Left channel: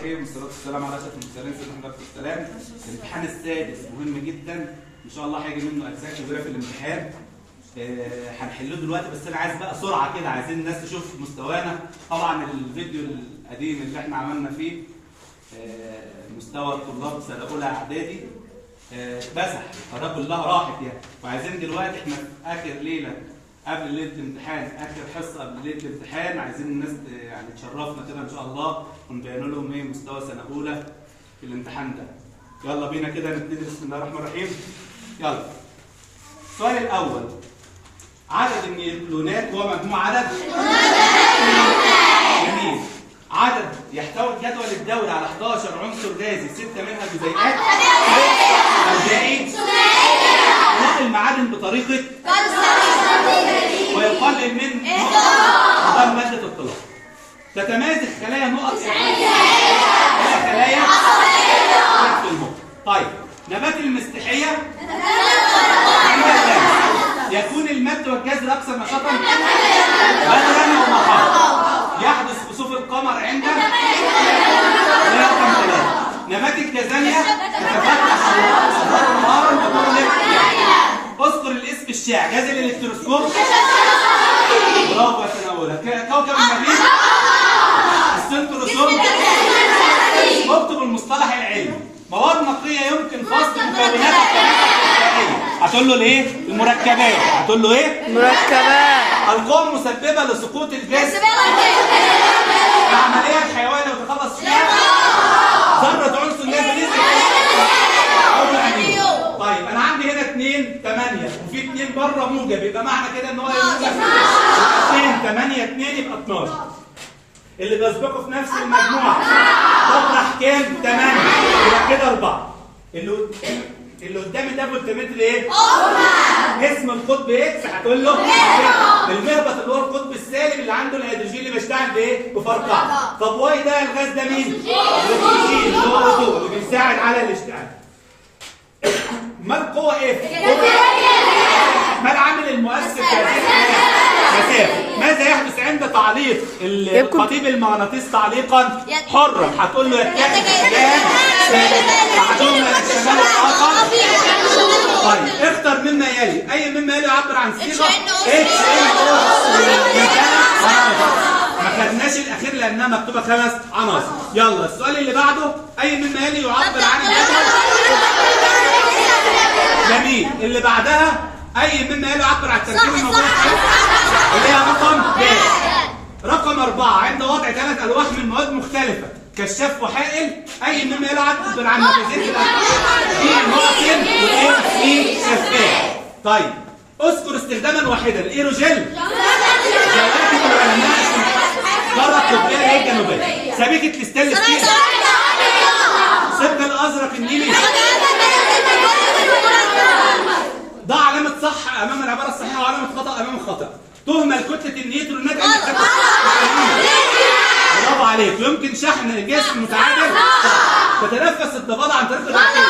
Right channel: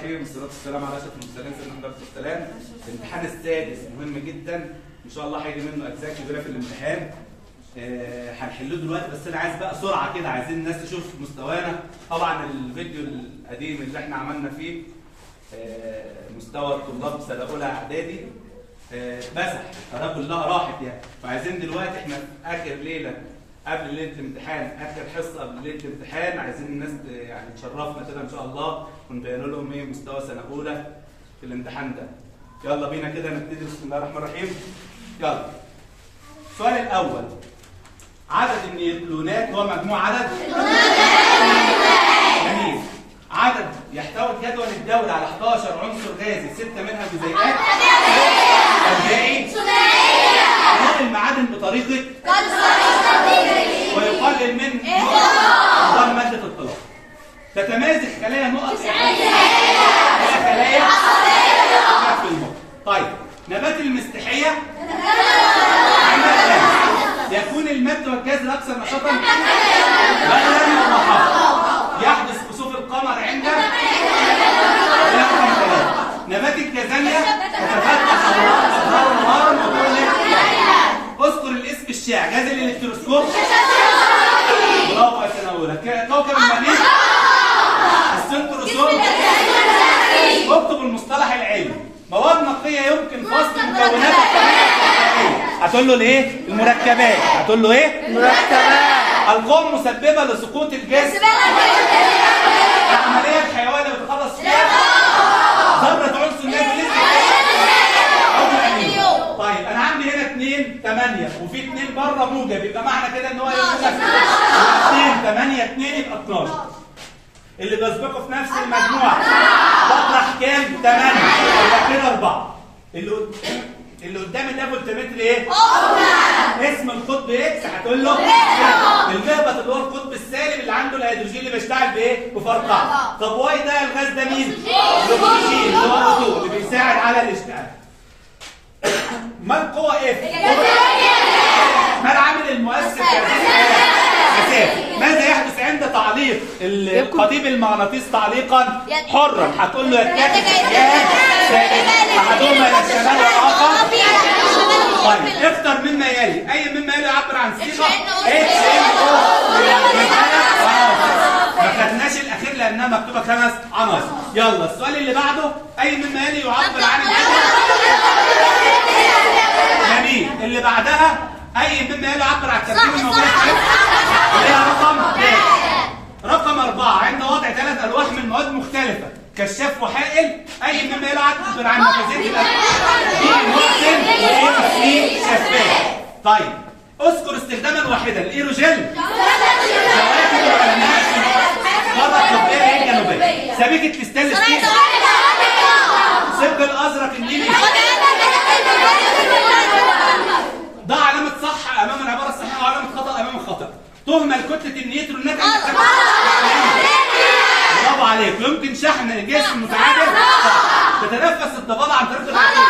الرحيم والصلاة والسلام على أشرف المرسلين سيدنا محمد عليه السلام. الامتحان السادس مهم جدا إن شاء الله، هيجي منه أجزاء كبيرة في الامتحان. هنحله دلوقتي، بس أنا عايز بقى سرعة كده، عايزين الناس تشوف مستوانا. طبعا الفيديو القديم اللي احنا عملنا فيه مستوى الطلاب سنة أولى إعدادي مسح، القناة كلها راحت يعني. وعايزين دلوقتي احنا في آخر ليلة قبل ليله الامتحان، اخر حصه قبل ليله الامتحان، عايزين الناس يعني تشرفنا كده ان شاء الله ونبين لهم ايه مستوى سنه اولى في الامتحان ده. يلا بينا كده نبتدي. بسم الله الرحمن الرحيم. يلا. السؤال الاول: عدد النيوكليونات هو مجموع عدد جميل. عدد يحتوي جدول الدوري على 11 عنصر غازي، 6 منها جزيئات الباقي نقل المعادن بطريقه ويقلل من نظام مادة الطلاق. تتميز الخلايا نقط خلايا في المخ. طيب، نبات المستحية يكون المد والجزر أكثر نشاطا بدلا ومحاط. يحدث كسوف القمر عند رقم 3. نبات الكازانيا تتفتح أزهار نهارا وتغلق. اذكر الاسم الشائع. جهاز الالكتروسكوب. برافو يا سنة أولى. كوكب المريخ. السنتروسوم. اكتب المصطلح العلمي. مواد نقية يمكن فصل مكوناتها الكيميائية. هتقول له الايه؟ المركبات. هتقول له ايه؟ مركبات. القوى المسببة لسقوط الجسم. العملية الحيوية اللي بتخلص فيها ذرة عنصر نيوكليس. طيب انا عندي هنا 2 8 وفي 2 بره موجب، يبقى معنى كده ان هو يبقى 2 8 2 يبقى 12. اللي بيسبقوا في نفس المجموعه تطرح كام؟ 8 يبقى كده 4. اللي قدامي ده فولتمتر ايه؟ اسم القطب اكس. هتقول له المهبط اللي هو القطب السالب اللي عنده الهيدروجين اللي بيشتغل بايه؟ بفرقعه. طب واي ده الغاز ده مين؟ الاكسجين اللي هو O2 اللي بيساعد على الاشتعال. ما القوة اف؟ ما العامل المؤثر في هذه المسافة؟ ماذا يحدث عند تعليق القضيب المغناطيسي تعليقا حرا؟ هتقول له يتجه اتجاه ثابت، احدهما الى الشمال والاخر. طيب اختر مما يلي. اي مما يلي يعبر عن صيغه ما خدناش الاخير لانها مكتوبه 5 عناصر. يلا السؤال اللي بعده: اي مما يلي يعبر عن جميل. اللي بعدها: اي مما يلي يعبر عن التركيب الموجود اللي هي رقم ب. رقم 4: عند وضع 3 الواح من مواد مختلفه كشاف وحائل، اي مما يلي يعبر عن نفاذيه في مواطن وايه في شفاف. طيب اذكر استخداما واحدا. الايروجل زواكب العلماء قاره قطبيه ايه جنوبيه. سبيكه الستانلس ستيل. سلك الازرق النيلي. ضع علامة صح أمام العبارة الصحيحة وعلامة خطأ أمام الخطأ. تهمل كتلة النيوترونات عند التفاعل. برافو عليك. يمكن شحن الجسم متعادل. صح. تتنفس الضفادع عن طريق الرئتين.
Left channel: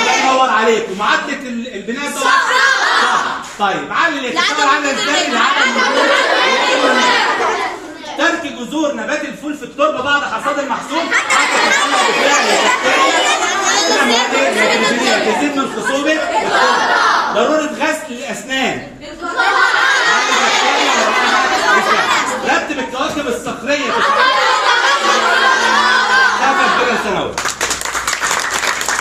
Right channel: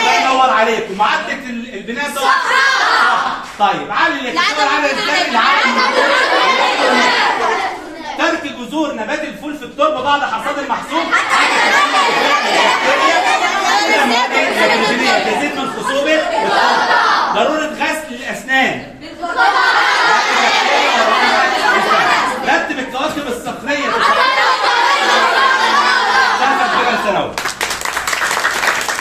الله ينور عليك. ومعدة البناء ده صح. طيب علل يتكون على ازاي العالم. ترك جذور نبات الفول في التربة بعد حصاد المحصول تزيد من خصوبة التربة. ضرورة غسل الأسنان.